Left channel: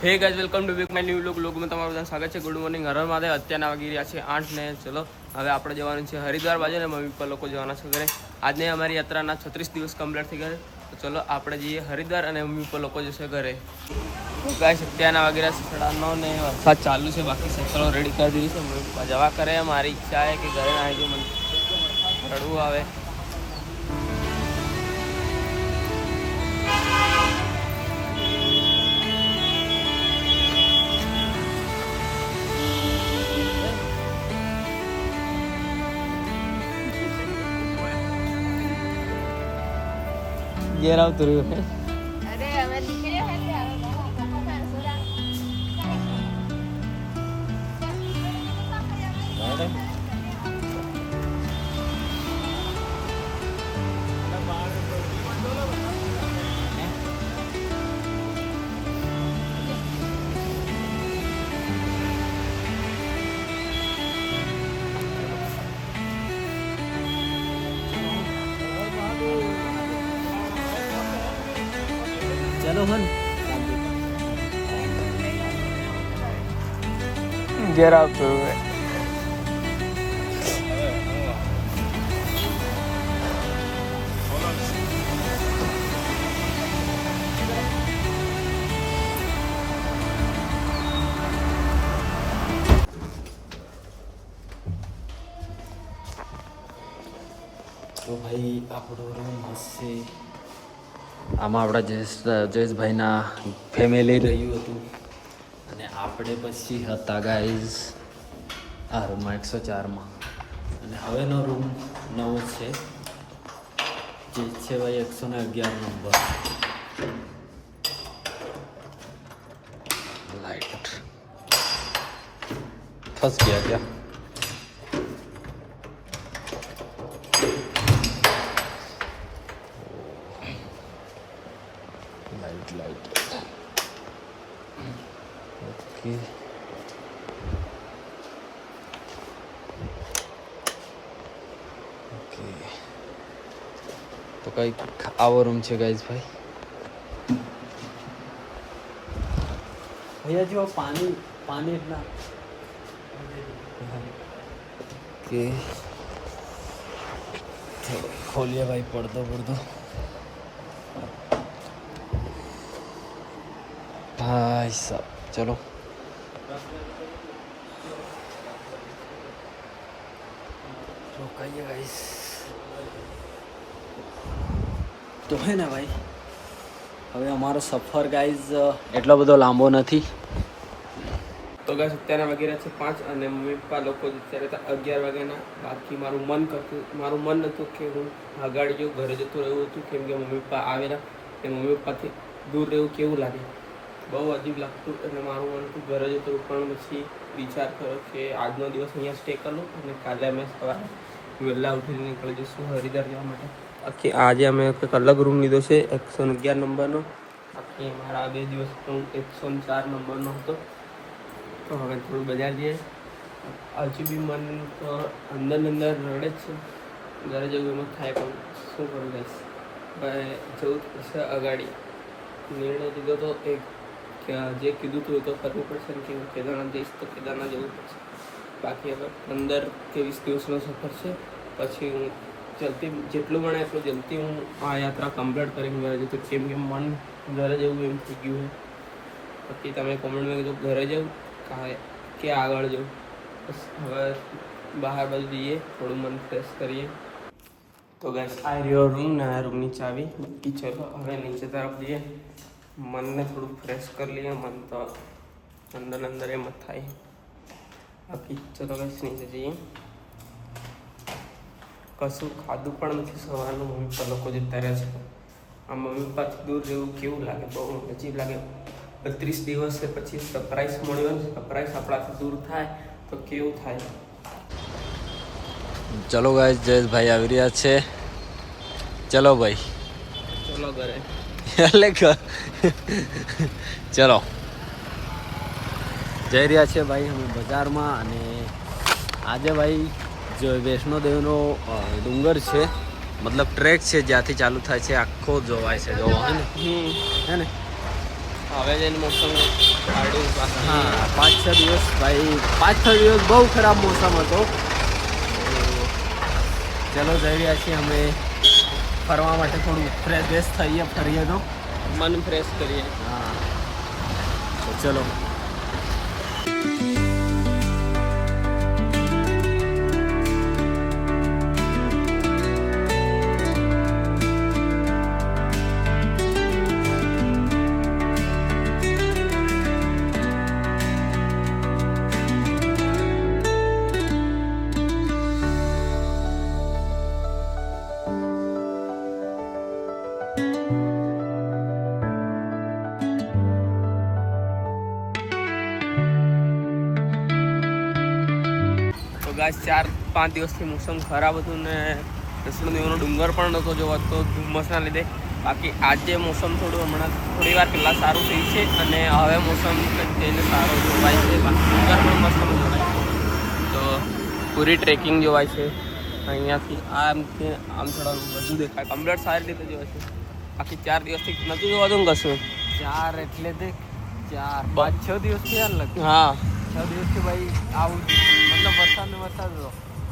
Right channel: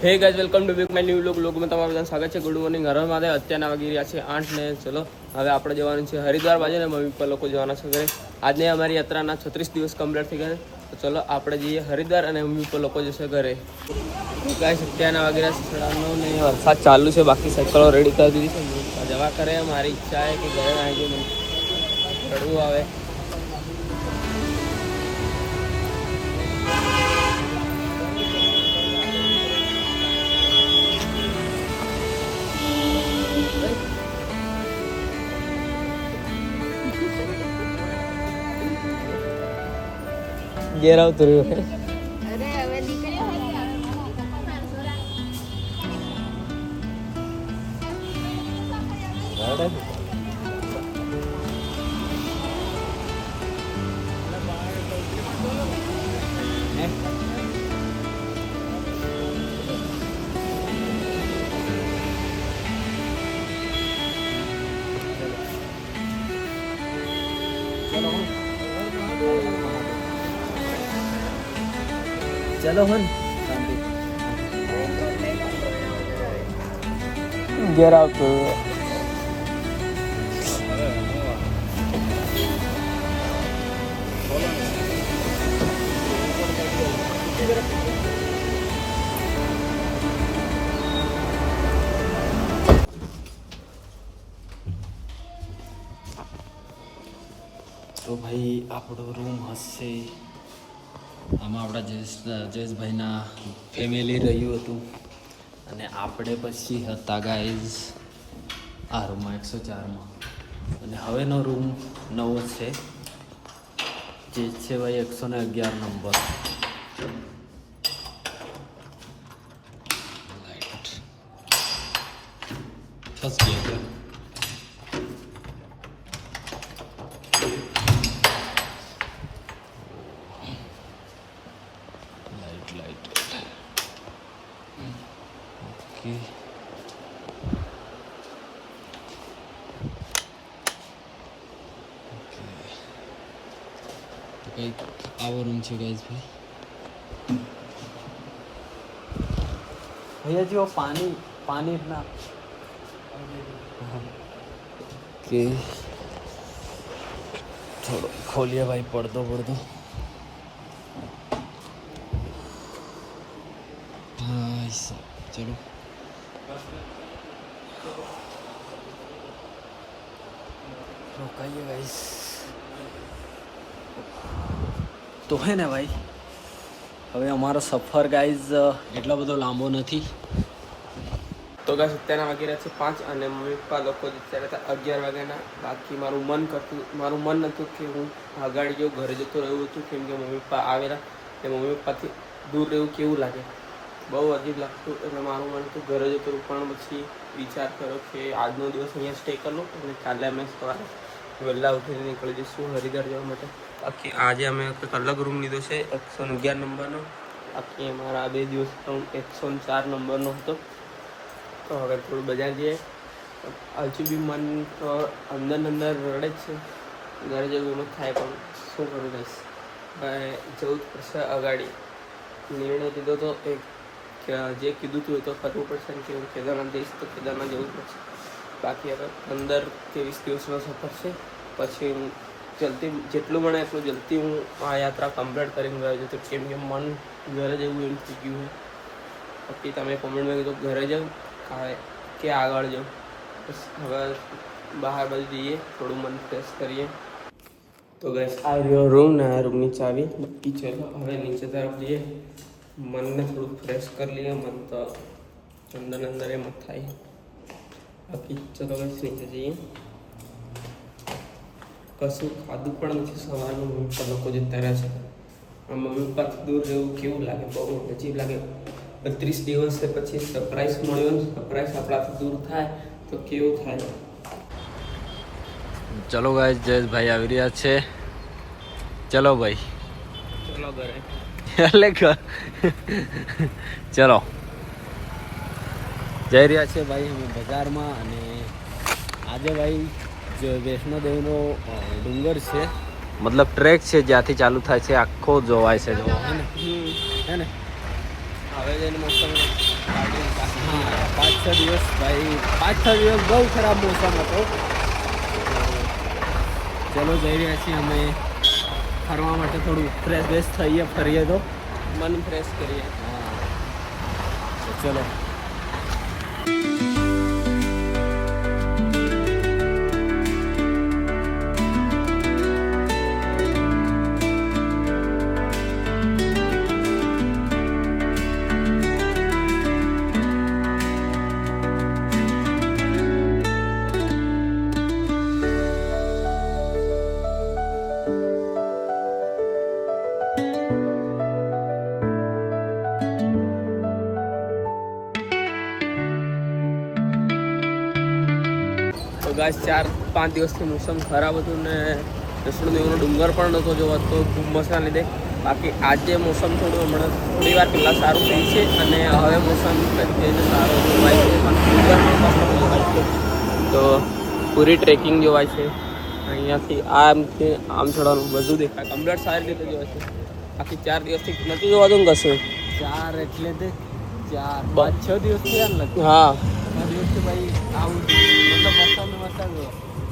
હે guys welcome to back my new લોગમાં તમારું બધાનું સ્વાગત છે. Good morning. હર મહાદેવ. અત્યારના વાગી રહ્યા છે 8 ને ચલો હવે આપણે જવાનું છે હરિદ્વાર બાજુ ને મમ્મી પપ્પા લોકો જવાના છે ઘરે. આજને અમારી યાત્રાના 36 દિવસ કમ્પ્લીટ થઈ ગયા. તો ચલો આપણે જઈએ હરિદ્વાર અને મમ્મી પપ્પા લોકો જશે ઘરે. ગાઈઝ અત્યારના વાગી રહ્યા છે 9:30 ને વરસાદ ચાલુ છે. બાકી સાયકલો રેડી કરી દીધી છે. મમ્મી પપ્પા જવા કરે. મારી ઈચ્છા છે કે ઘરે ના આવી મને રડવું આવે. ઘેર આવતું રહ્યું चलो हन जरा तो भाई આપણો રૂમ હશે આમાં આપણા જયેશભાઈના ફેમિલી રહ્યું હતું અને આપણે પછી હતા ગાઈઝ આ રૂમમાં 104માં. અને હવેનો રૂમ નવો છે જે છે ભાઈ 111 નંબર. લાઈટ ફસ ગયા ત્યાં. लाइट ओके ओके तो कई आવો रूम છે गाइस भाई. भैया जी वो पानी ना ओके चलो खोलिए भाई पर्दो भाई साहब. चलो रुकाइए गाइस. તો હે ને ભાઈ હવે અમારો સફર ગાઈઝ એટલો બધો લાંબો નથી. તો ગાઈસ અત્યારના વાગી રહ્યા છે 5 અને મમ્મી પપ્પા લોકો અત્યારે હતા 11 વાગ્યાના. બાકી મારું મન નહોતું કે હું આગાડી જો ઘરે જતો રહ્યું હતું કેમ કે મમ્મી પપ્પા આવેલા કે મમ્મી પપ્પાથી દૂર રહેવું કેવું લાગે, બહુ અજીબ લાગતું. એટલે મારું મન હતું ઘરે જતું પણ પછી વિચાર કર્યો કે આજનો દિવસ અહીંયા સ્ટે કરી લો અને કાલે અમે સવારે વહેલા ઉઠીને નીકળી જઈશું હરિદ્વાર જવા માટે. બાકી આજે અમે કંઈક અલગ રૂમ લીધો છે 111 નંબરનો. બાકી અમારા આ 2 દિવસ તો 104 નંબરનો હતો. તો હવે થોડું બજાર જઈએ. હજુ બી મન તો અંદર રડે જ છે. ઘરે જવું ન થાય પણ શું કરું બસ હવે જવું જ પડશે. અગાડી નિર્ણય લીધો તો એક જે કીધું હતું એ તો કરવું પડશે કે હું કેદારનાથ જઈશ તો કેદારનાથ જવું પડશે. બાકી હવે 15-23 દિવસનો સફર છે. પછી હું જેટલું બને એટલું જલ્દી હું આ યાત્રા કમ્પ્લીટ કરીને ઘરે જતું કેમ કે મન ઘરે જવું એવું થઈ ગયું છે. બાકી તમે કોમેન્ટમાં કીધું ઘરે જાઉં કે આગળ જાઉં. બસ હવે બહાર બાજુ જઈએ થોડું મન ફ્રેશ કરીએ. તો ગાઈસ આ રહ્યો રૂમ ને આ રૂમની ચાવી. બાકી ચલો હવે નીચે તરફ જઈએ. મનને થોડું ફ્રેશ કરી લઈએ. મન તો અંદર એમ જ થાય. બાકી ચલો ગાઈસ નીચે જઈએ. કશું ખાધું પણ નથી સવારનું. મમ્મી પપ્પા લોકો જતા રહ્યા છે. આ મમ્મી પપ્પાથી દૂર રહેવું કેવું લાગે, બહુ અજીબ લાગે. 32 દિવસ પછી સરપ્રાઈઝ મળ્યો ને સરપ્રાઈઝ આપણાથી દૂર થાય તો કેવું થાય. ચલો ગાઈસ જયેશભાઈ આવી રહ્યા છે. ચલો ભાઈ ચલો ઘરે એટલે ચલો જઈ રહ્યા છે ભાઈ અમે બજારમાં. અને આજે ભાઈ जो वैष्णो देवीનો ડુંગર છે, મતલબ ટ્રેક છે જ્યાંથી ચાલુ થાય છે આખો જોવાય છે, જો હે ને હવે જઈને મસ્ત હા 5-6 દિવસ ભાઈ 5-6 દિવસ બહુ ખરાબ મોસમ હતો. ચલો જઈ રહ્યા છીએ અમે ફરવા માટે, થોડું ફ્રેશ થઈએ, ફરીએ તો મન ફ્રેશ કરીએ. હા તો ચલો. તો ગાઈસ 4-5 દિવસથી મોસમ ખરાબ હતું ને વૈષ્ણોદેવીનો ડુંગર પણ નહોતો જોવાતો ધુમ્મસના લીધે. બાકી આજે મોસમ હમણાં થોડી વાર પહેલાં સારું થયું છે અને હવે મોસમ જઈને સારો જોવાય છે. બાકી ડુંગર પણ મસ્ત જોવાય છે. તો પૂરી ટ્રેકિંગ જોવાય છે અહીંયાથી. આમ ચડવાનું બધું દેખાય, કમ્પ્લીટ સારી રીતે જોવાય છે. બાકી 4 દિવસથી નથી જોવાતું ને કશું. 4 એટલે તે 4-5-6 દિવસથી યાર લગ. હા 6 દિવસથી ભાઈ આવું મતલબ વરસાદ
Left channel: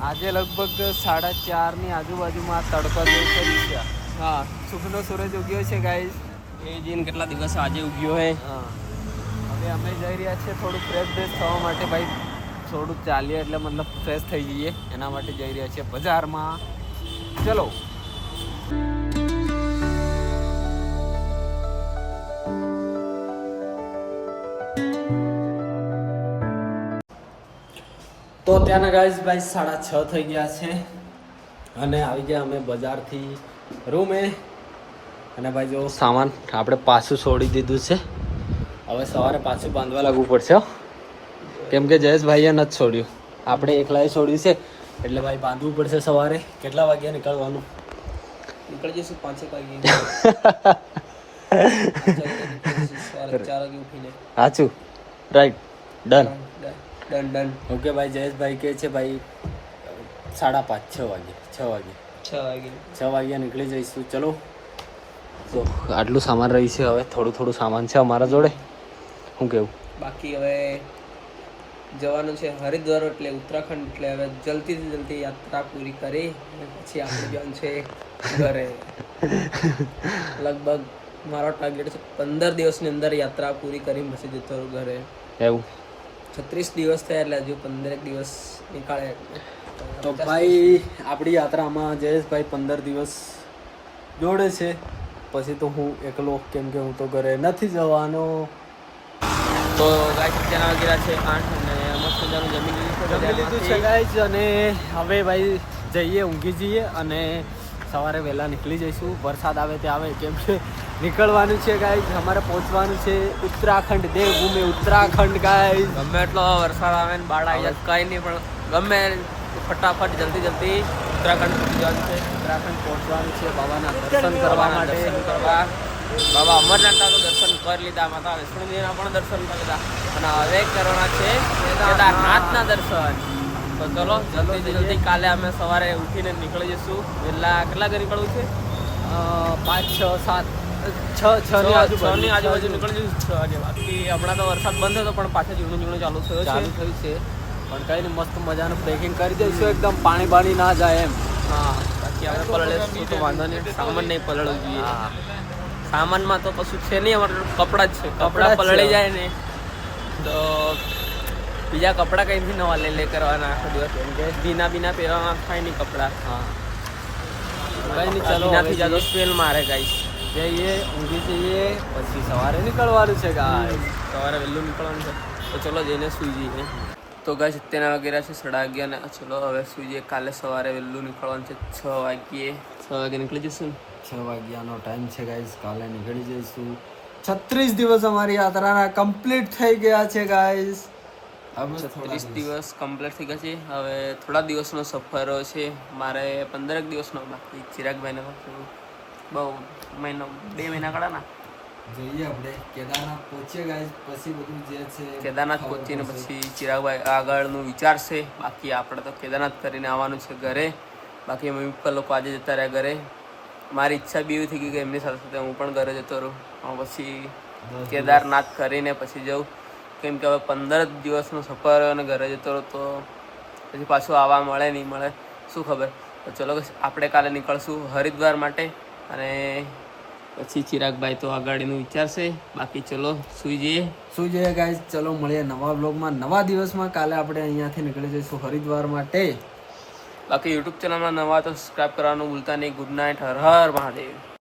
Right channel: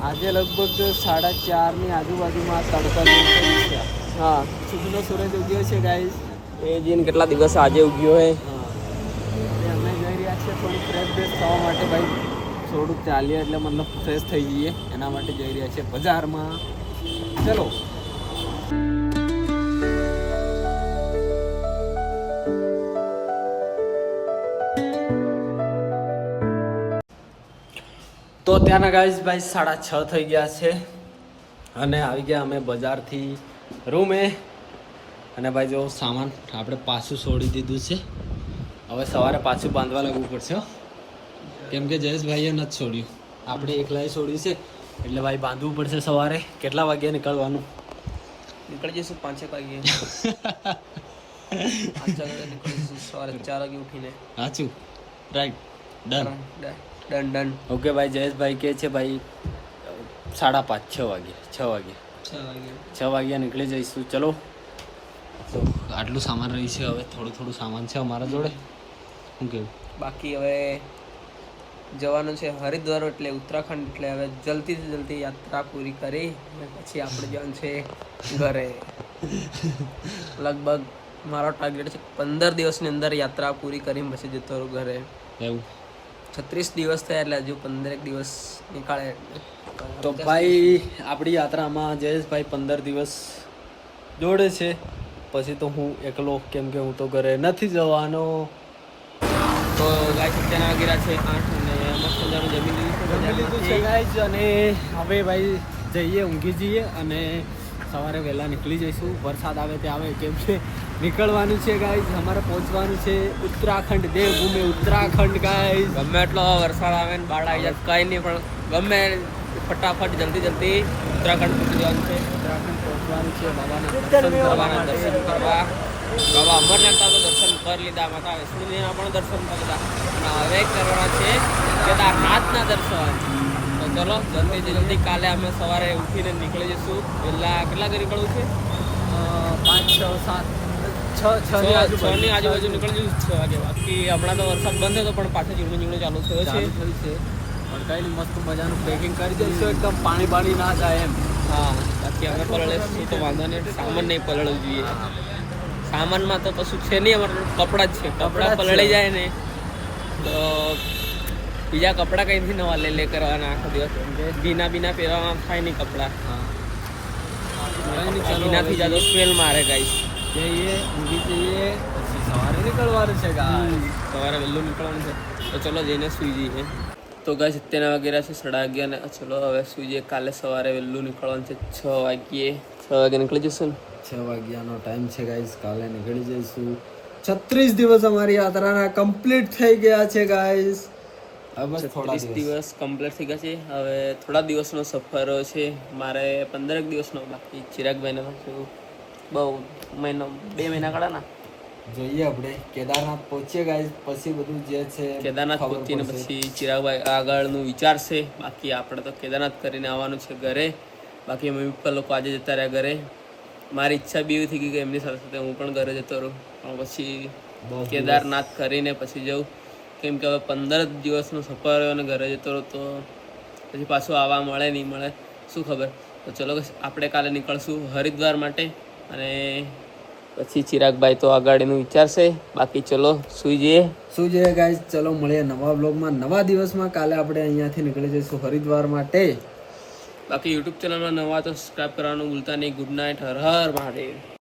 આજે લગભગ 4:30 આજુબાજુમાં તડકો જેવું થઈ છે. હા શુભનો સૂરજ ઉગ્યો છે ગાઈસ. એ જીન કેટલા દિવસ આજે ઉગ્યો હે. હા હવે અમે જઈ રહ્યા છીએ થોડું ફ્રેશ થવા માટે ભાઈ. થોડુંક ચાલીએ એટલે મતલબ ફ્રેશ થઈ જઈએ એના માટે જઈ રહ્યા છીએ બજારમાં. ચલો. તો ત્યાંના ગાઈસ ભાઈ 6:30 થઈ ગયા છે અને આવી ગયા અમે બજારથી રૂમે. અને ભાઈ જો સામાન આપણે પાછું છોડી દીધું છે. હવે સવારે પાછું બાંધવા લાગવું પડશે કેમ કે જયેશભાઈએ નથી છોડ્યું, આપણે એકલાએ છોડ્યું છે એટલે ભાઈ બાંધવું પડશે સવારે. કેટલા વાગ્યા નીકળવાનું? નીકળી જઈશું 5 વાગે. 4 વાગે ઉઠીને. સાચું, રાઈટ, ડન. ઓકે ભાઈ. જયેશભાઈ કે છે ભાઈ 5:30 6 વાગ્યા નીકળી જઈશું. ચલો. તો આટલું સામાન રહી છે, હવે થોડું સામાન છે અમારા જોડે. શું કેવું? બાકી હવે જવાનું છે હરિદ્વાર એટલે ઉત્તરાખંડ. એટલે હવે જલ્દી યાત્રા પૂરી કરી પછી આપણે જવાનું છે ઘરે. લગભગ મારો ટાર્ગેટ છે 15 દિવસની અંદર યાત્રા પૂરી કરી પછી જતો રહું ઘરે. એવું 36 દિવસ થયા એટલે હજુ 15 દિવસ નીકળે. તો ભાઈ આપણી યાત્રામાં જયેશભાઈ 15 દિવસ જોડે છે. પછી તો હું એકલો, કેમ કે હું તો ઘરે નથી જવાનો. તો ગાઈસ અત્યારના વાગ્યા છે 8 અને મસ્ત મજાનું જમી લીધું છે ગાઈસ. અને હવે ભાઈ જઈએ, ઊંઘી જઈએ અને સવારે વહેલા નીકળી જઈશું. વરસાદ આવે તે આવે, કેમ કે નીકળવાનું છે ગાઈસ. અમારે પહોંચવાનું છે ઉત્તરાખંડ, દેવભૂમિ ઉત્તરાખંડ ગાઈસ. ગમે એટલો વરસાદ આવે ને બાળ આવી જાય કંઈ નહીં, પણ ગમે ફટાફટ જલ્દી ઉત્તરાખંડ પહોંચી જવાનું છે. ઉત્તરાખંડ પહોંચવાનું છે, બાબાના દર્શન કરવા. બાબા અમરનાથના તો દર્શન કરી લીધા, માતા વૈષ્ણોદેવીના પણ દર્શન કરી લીધા અને હવે કરવાના છે કેદારનાથના દર્શન. તો ચલો જલ્દી કાલે અમે સવારે ઉઠીને નીકળી જઈશું. વહેલા કેટલા વાગે નીકળવું છે? 5-6 ની આજુબાજુ નીકળી જઈશું 6 વાગે. બાકી હમણાં તો વરસાદ બંધ હતો પણ પાછા ઝીણું ચાલુ થયો છે. કઈ મસ્ત મજાનું ટ્રેકિંગ કરી દઈશું, એકદમ પાણી ના જાય એમ. હા બાકી અમે પલળીશું તો વાંધો નહીં, સામાન નહીં પલળવું જોઈએ. સામાનમાં તો કશું છે નહીં, અમારે કપડાં જ છે. કપડાં પલળી જાય ને તો બીજા કપડાં કંઈથી નવા લે કરવાના આખો દિવસ. ભીના પહેરવાના થાય નહીં કપડાં. ભીનાથી જાતો સ્મેલ મારે ગાઈસ. જઈએ, ઊંઘી જઈએ, પછી સવારે નીકળવાનું છે ગાઈસ. સવારે વહેલું નીકળવાનું છે તો ચલો જઈને સુઈ જઈએ. તો ગાઈસ અત્યારના વાગ્યા છે 11:30 ને ચલો હવે સુઈ જઈએ. કાલે સવારે વહેલું નીકળવાનું છે 6 વાગે નીકળી જઈશું ને. 6 વાગ્યાનો ટાઈમ છે ગાઈસ. કાલે નીકળી જઈશું. 36 દિવસ અમારી યાત્રાના કમ્પ્લીટ થઈ ગયા છે ગાઈસ. હવે 30 દિવસ કમ્પ્લીટ થઈ ગયા છે. હવે થોડા દિવસનો સફર છે મારે, 15 દિવસનો બાકી. ચિરાગભાઈને બહુ 2 મહિના કાઢાના. જોઈએ આપણે કેદારનાથ પહોંચીએ ગાઈસ, પછી બધું જે છે કેદારનાથ પહોંચીને પછી ચિરાગભાઈ આગળનું વિચારશે. બાકી આપણે તો કેદારનાથ કરીને આવવાનું છે ઘરે. બાકી મમ્મી પપ્પા લોકો આજે જતા રહ્યા ઘરે. મારી ઈચ્છા બી એવી થઈ ગઈ કે એમની સાથે હું પણ ઘરે જતો રહું, પણ પછી કેદારનાથ કરીને પછી જવું. કેમ કે હવે 15 દિવસનો સફર અને ઘરે જતો રહો તો પછી પાછું આવવા મળે નહીં મળે શું ખબર. તો ચલો આપણે કાલે નીકળશું હરિદ્વાર માટે અને પછી ચિરાગભાઈ તો આગાડીનું વિચારશે. બાકી ચલો સુઈ જઈએ ગાઈઝ. ચલો મળીએ નવા બ્લોગમાં નવા દિવસમાં. કાલે આપણે અહીંયાથી નીકળી જઈશું હરિદ્વાર માટે. બાકી યુટ્યુબ ચેનલમાં નવા તો સબસ્ક્રાઈબ કરવાનું ભૂલતા નહીં. Good night. હર હર મહાદેવ.